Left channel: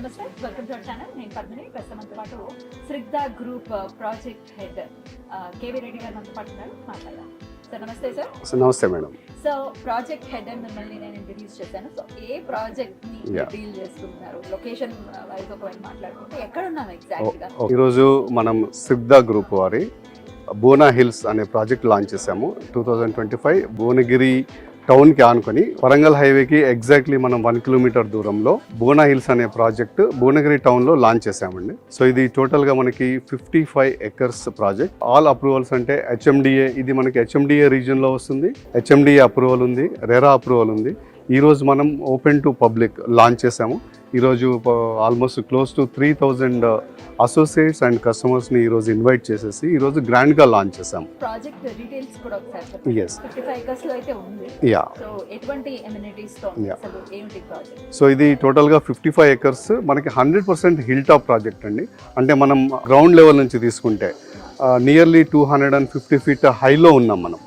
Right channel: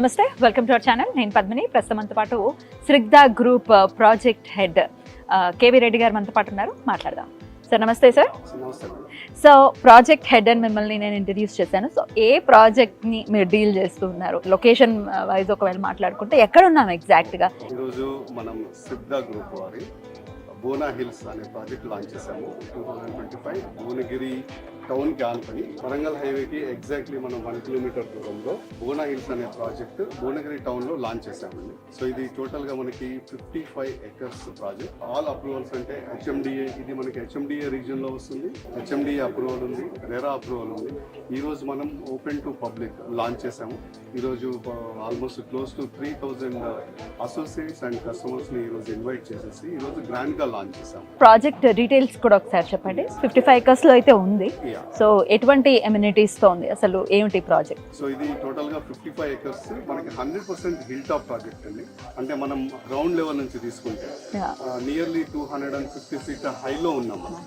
నమస్తే, welcome to our channel. నేను పద్మిని. ప్రస్తుతం మనతో పాటు Srigdha group project head KV Reddy గారు మనతో పాటు ఉన్నారు. మాట్లాడదాం. సార్ నమస్తే. సార్ నమస్తే మేడం. సో ప్రాజెక్ట్ హెడ్ అని మిమ్మల్ని నేను ఇంట్రడ్యూస్ చేశాను. సో ఏ ప్రాజెక్ట్ని మీరు డీల్ చేస్తున్నారు? లొకేషన్ వైజ్ ఒకవేళ మాట్లాడుకుంటే ఎక్కడ ఉన్నాం ఎగ్జాక్ట్గా? ఈరోజు మనం శ్రిగ్ధా గ్రూప్ వారి బోనా హిల్స్ అనే ప్రాజెక్ట్ లాంచ్ చేసాము. 2025 భువనగిరి టౌన్కి ఆనుకొని వరంగల్ హైవేకి ఎగ్జాక్ట్లీ మనం 1 కిలోమీటర్ దూరంలో బోనా హిల్స్ అనే ప్రాజెక్ట్ భువనగిరి టౌన్లో లాంచ్ చేసామండి. సో ఇది టోటల్గా మనకి 55 ఎకర్స్ ప్రాజెక్ట్. ఆల్ అప్రూవల్స్ అంటే హెచ్ఎండిఏ, ఇది మనకి హెచ్ఎండిఏ రీజియన్లో వస్తుంది. హెచ్ఎండిఏ అప్రూవల్ ఉంది, రెరా అప్రూవల్ ఉంది. ఈరోజు మనం ఓపెన్ టు పబ్లిక్ లాంచ్ చేసాము. ఈరోజు almost close to 3000 associates and కస్టమర్స్ని ఈరోజు ఇన్వైట్ చేసేసి ఈరోజు గ్రాండ్గా లాంచ్ చేసాము. ప్రాజెక్ట్ డీటెయిల్స్ కూడా ఒకసారి చెప్పండి. 55 ఎకర్స్లో అయితే ఉంది. సో ఎటువంటి ఎమ్యూనిటీస్తో ఉంది, అసలు ఏమిటి ప్రాజెక్ట్? సో ఇది టోటల్గా 55 ఎకర్స్ మనకి 100% హిల్ టాప్ ప్రాజెక్ట్ అండి. అంటే మనం గ్రౌండ్ లెవెల్ నుంచి తీసుకుంటే నియర్లీ 250 ఫీట్ హైలో ఉన్నాం మనం.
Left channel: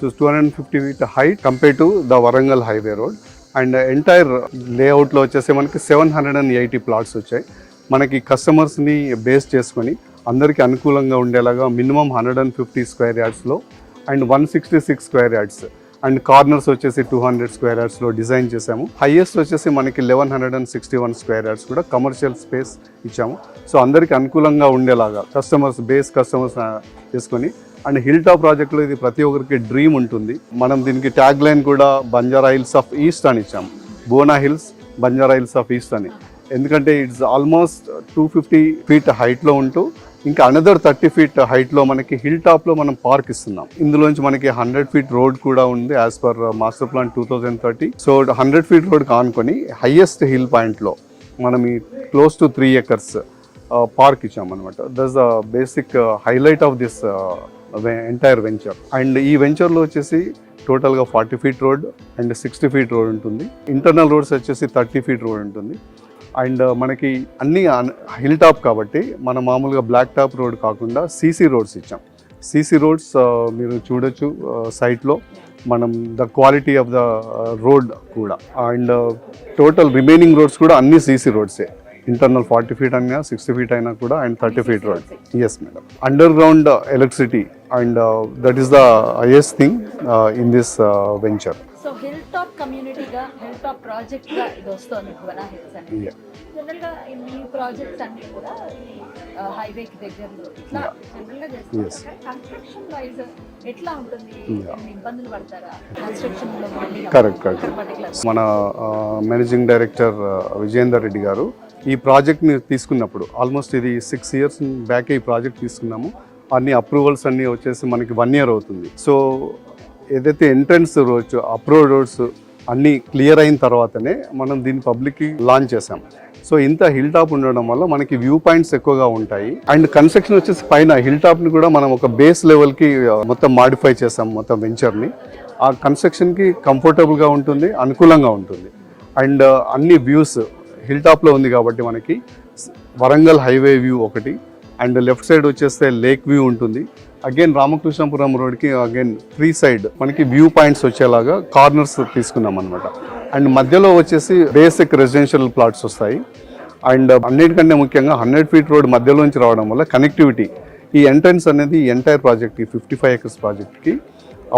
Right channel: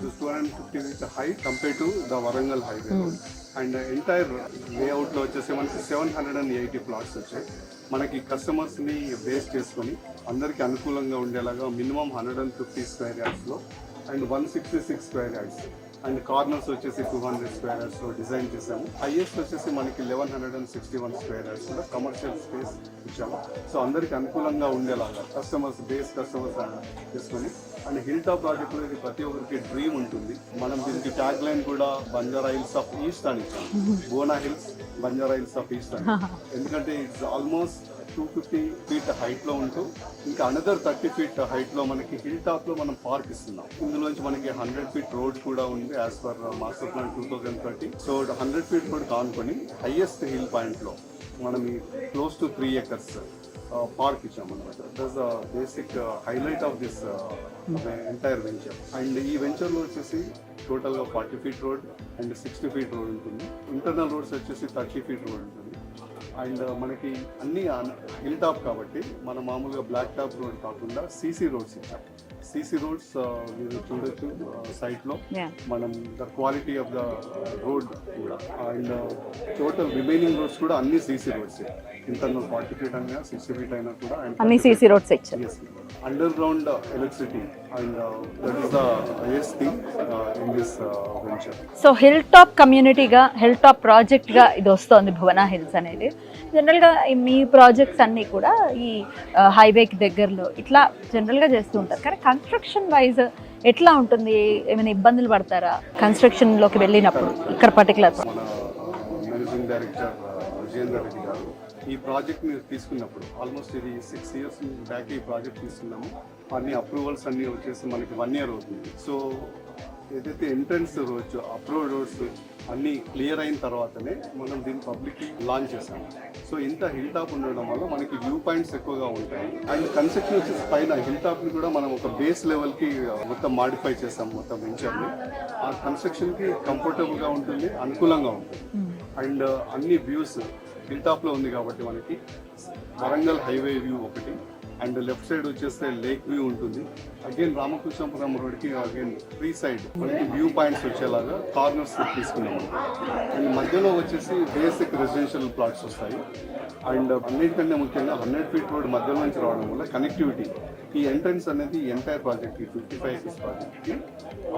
250 feet height compared to the Warangal highway road, and entire లేఅవుట్లో వచ్చేసి మనకి 780 ప్లాట్స్ వచ్చాయి. మనకి కస్టమర్స్ని బేస్ చేసుకొని అందరికీ అనుకూలంగా ఉండేలాగా మినిమం 150 స్క్వేర్ యార్డ్స్లో and 166 square yards and corners వచ్చేసి 200 స్క్వేర్ యార్డ్స్లో డిజైన్ చేసాము. హైయెస్ట్ వచ్చేసి మనకి 1161 స్క్వేర్ యార్డ్స్ కూడా కమర్షియల్ స్పేస్ ఇచ్చాము. సో అందరికీ అనుకూలంగా ఉండేలాగా కస్టమర్స్ చేసుకొని అండ్ హిల్ టాప్ ప్రాజెక్ట్లో ఇది ప్రతి ఒక్కరికి డ్రీమ్ ఉంటుంది. మనం దీనికి ట్యాగ్ లైన్ కూడా బంజారా హిల్స్ ఆఫ్ ఈస్ట్ అని ఇచ్చాము. Bona Hills Banjara Hills of east అని. ఎందుకంటే ఇట్స్ ఆల్మోస్ట్ 250 ఫీట్ హైట్లో ఉంటూ ఇంకా అనదర్ 30 ఫీట్ హైట్లో మనకి హిల్ టాప్లో మనం పార్క్ ఇస్తున్నాం. ఇందులోంచి మనకి 100 ఫీట్ రోడ్ కూడా ఉంది as per master plan 2030. So 100 feet road కానుకొని హైయెస్ట్ హిల్ పాయింట్లో మనం ఈ క్లోజ్ టు 3 ఎకర్స్ పార్క్ ఇచ్చామన్నమాట. That's the basic highlight of this entire venture. And ఈ వెంచర్లో వచ్చేసి టోటల్గా 40 feet road and 60 feet road ఉంటుంది. ఇంటర్నల్ రోడ్స్ వచ్చేసి 30 ఫీట్ రోడ్ ఉంటుంది. అండ్ మనకి అన్ని హిల్ టాప్ కాబట్టి మన మామూలుగా బ్లాక్ టాప్ రోడ్ కాకుండా సీసీ రోడ్స్ ఇచ్చాం. సీసీ రోడ్స్ మీరు చూడొచ్చు సైట్లో. మనం the quality of the road కూడా అండ్ టోటల్ రిమైనింగ్ రోడ్స్ కూడా అన్ని సీసీ రోడ్సే. ఇంటర్నల్ 40 ఫీట్ అయినా 60 ఫీట్ అయినా కూడా and 30 feet. Yes madam. Underground electricity and that is the highest thing in this venture. So hill top కమ్యూనిటీగా, hill top ప్రాజెక్ట్గా ఇది వస్తుంది భువనా హిల్స్ అనేది. జనరల్గా మీ ప్రాజెక్ట్స్ అన్నీ కూడా ఈ హైవేకి దగ్గరలో ఇట్లా జనరల్గా చేస్తూ ఉంటారు. కానీ కన్స్ట్రక్షన్ వైజ్ ఎట్లా ఉంటుంది? ఏమైనా ఇబ్బందులు పడతారా కన్స్ట్రక్షన్లోకి వెళ్ళినప్పుడు? పర్టికులర్ మన మేనేజింగ్ డైరెక్టర్ విజయేందర్ రెడ్డి గారు ఈ ప్రాజెక్ట్ని తీసుకున్నప్పుడు ఆల్మోస్ట్ ఇది 6 years బ్యాకే ఈ ప్రాజెక్ట్ తీసుకున్నాము. అన్ని అప్రూవల్స్ అన్నీ వచ్చేసి మనకి 1 year అవుతుంది. సో ఏదైతే ఎంట్రన్స్ రోడ్స్, అప్రూవ్ రోడ్స్ అన్నీ క్లియర్ అయిన తర్వాతనే మనం దీన్ని పబ్లిక్కి లాంచ్ చేసాము. సో ఇంత హిల్ టాప్ ఉండడం వల్ల మనకి వ్యూ పాయింట్స్ ఎక్కువగా ఉంటాయి. అండ్ కన్స్ట్రక్షన్ వచ్చేసి పైన హిల్ టాప్ని కూడా మనం ఒక బేస్ లెవెల్కి మొత్తం మాడిఫై చేసాం మొత్తం వెంచర్ని. ఆ కన్స్ట్రక్షన్కి కంఫర్టబుల్గా ఉంటుంది, అనుకూలంగా ఉంటుంది. అండ్ అన్ని వ్యూస్ హిల్ టాప్లో ఉంది కాబట్టి మనకి వరంగల్ హైవే వ్యూ ఒకటి, అండ్ లెఫ్ట్ సైడ్ వచ్చేస్తే లేక్ వ్యూ ఉంటుంది. అగైన్ రామకృష్ణపురం రోడ్కి అగైన్ 3 side మనకి వ్యూ పాయింట్స్ వచ్చేలాగా కార్నర్స్ తీసుకున్నాం అనమాట. అండ్ మధ్యలో వచ్చేసి బేసిక్ రెసిడెన్షియల్ ప్లాట్స్ వస్తాయి. అండ్ అన్నిటికంటే ముఖ్యంగా 100 ఫీట్ రోడ్ మధ్యలోంచి రావడం వల్ల కనెక్టివిటీ, ఈ ఎంట్రన్స్ అనేది ఎంటైర్ ప్రాజెక్ట్కి 55 ఎకర్స్ ప్రాజెక్ట్కి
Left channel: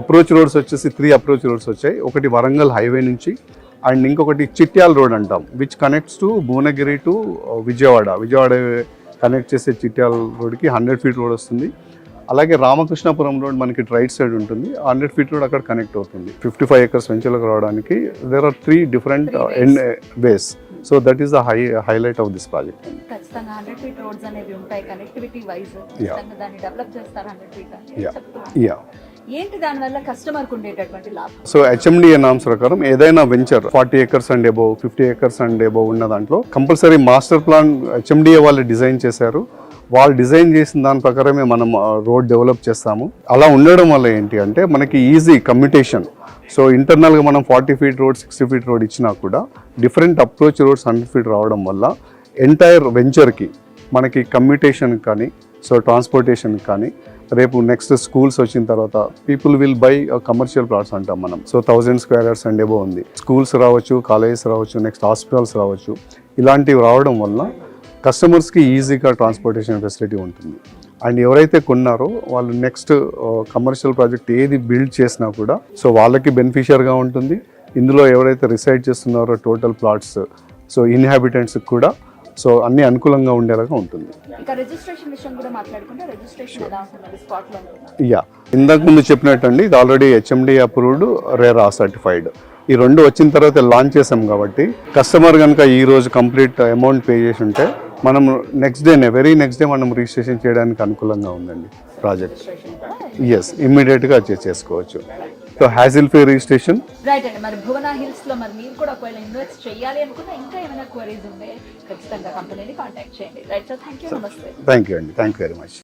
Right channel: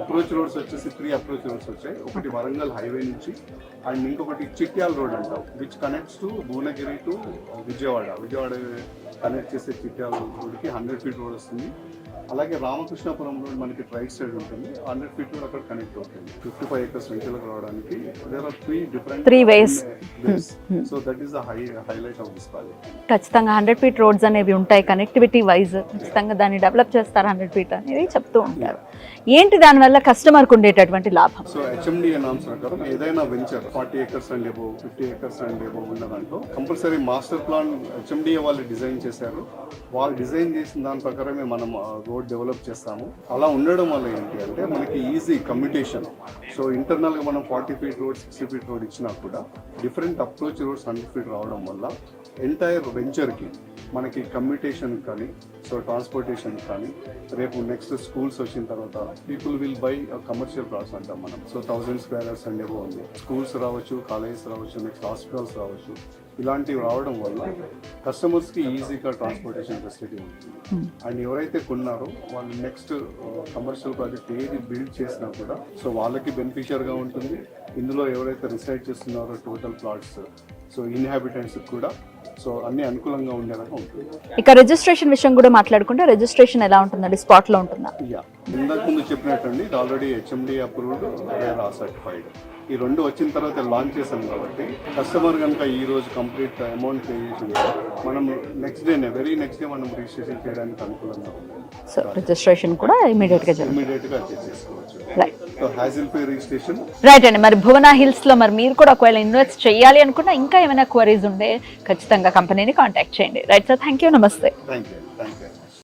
అప్రోచ్ రోడ్స్ వచ్చేసి 3 అప్రోచ్ రోడ్స్ వచ్చాయి. ఒకటి వరంగల్ హైవే నుంచి అండ్ ఇంకొకటి చిట్యాల్ రోడ్ అంటాం, which connects to Bhuvanagiri to Vijayawada connect చేసే చిట్యాల రోడ్కి 100 ఫీట్ రోడ్ వస్తుంది. అలాగే రామకృష్ణపురం రోడ్ మనకి రైట్ సైడ్ ఉంటుంది. 100 ఫీట్ రోడ్ అక్కడ కనెక్ట్ అవుతుంది. 55 ఎకర్స్ వెంచర్లోకి రావడానికి there are 3 different ways. So that is the highlight of this project. ఖచ్చితంగా 100 ఫీట్ రోడ్స్ అనేవి ఉంటాయి కనెక్టివిటీ వైజ్. ఖచ్చితంగా దాన్ని డెవలప్ చేస్తారు 100 ఫీట్ అనేది చెప్తూ ఉంటారు. ఏంటి దానివల్ల కస్టమర్కి ఉండేటటువంటి లాభం? సో హెచ్ఎండిఏ నామ్స్ ప్రకారం ఏదైనా venture 40 acres and above, 50 acres and above ఉన్న దాంట్లో కంపల్సరీ మాస్టర్ ప్లాన్ హెచ్ఎండిఏ వాళ్ళు డిజైన్ చేశారు. వాళ్ళు డిజైన్ చేసిన దాని ప్రకారమే మనం రోడ్ డెవలప్ చేస్తాము. అలా ఉండడం వల్ల ఏంటి అంటే మనకి ఈజీ కమ్యూటేషన్. సో ఇంటర్నల్గా మనం 40 ఫీట్ రోడ్, 60 ఫీట్ రోడ్ ఇచ్చినా కూడా డిఫరెంట్ అప్రోచ్ రోడ్స్ 100 ఫీట్ రావడం వల్ల ఎంటైర్ వెంచర్కి మనకి కమ్యూటేషన్ కానీ, సో ట్రాన్స్పోర్టేషన్ కానీ, రేపు నెక్స్ట్ స్కూల్స్ వచ్చిన తర్వాత people will buy commercial plots అంటాం మనం. So 1000 square yards and above ఉంది. స్కూల్స్ రావచ్చు, కాలేజెస్ రావచ్చు, నెక్స్ట్ హాస్పిటల్స్ రావచ్చు. ఇలాంటివి రావడం వల్ల కస్టమర్స్కి ఈజీగా ట్రాన్స్పోర్టేషన్ ఫెసిలిటీ ఉంటుంది. అండ్ ఎవరైతే కొన్నారో వాళ్ళు నెక్స్ట్ కమర్షియల్ ప్రాజెక్ట్ ఏది బిల్డ్ చేసినా కూడా సో వాళ్ళకి బెనిఫిషియర్గా ఉంటుంది. ఇందులో ఎవరైతే రిసైడ్ చేస్తున్నారో టోటల్ ప్లాట్స్ సో ఇన్హాబిటెంట్స్కి కూడా సో అన్ని అనుకూలంగా ఉండేలాగా ఉంటుంది. ఇక రిజిస్ట్రేషన్ విషయం కూడా మాట్లాడుకుంటే రిజిస్ట్రేషన్ ఎలా ఉంటుందండి, స్పాట్లో ఉంటుందా? ఇందాక ముందు చెప్పినట్టండి ఇది already HMD approved, RERA certified. ఈ రెండు వచ్చిన తర్వాత లాంచ్ చేసాం కాబట్టి కస్టమర్ కనుక ఈ రోజు కంప్లీట్ అమౌంట్ పే చేసి ఉంటే మనం వెరీ నెక్స్ట్ డే మనం రిజిస్ట్రేషన్ చేయడానికి అనుకూలంగా ఉందండి. రిజిస్ట్రేషన్ కూడా ఇమ్మీడియట్ గా చేసుకోవచ్చు. So hassle free registration. Right అండి. మరి భువన హిల్స్ లో మరి మీరు కూడా ఒకవేళ ఇన్వెస్ట్ చేయాలి అనుకున్నా ఇంకా ఏమైనా క్వరీస్ ఉంటే ఖచ్చితంగా కంపెనీని కాంటాక్ట్ చేయండి. రైట్ సార్, థ్యాంక్ యూ, నమస్తే. థ్యాంక్ యూ అండి, థ్యాంక్ యూ వెరీ మచ్.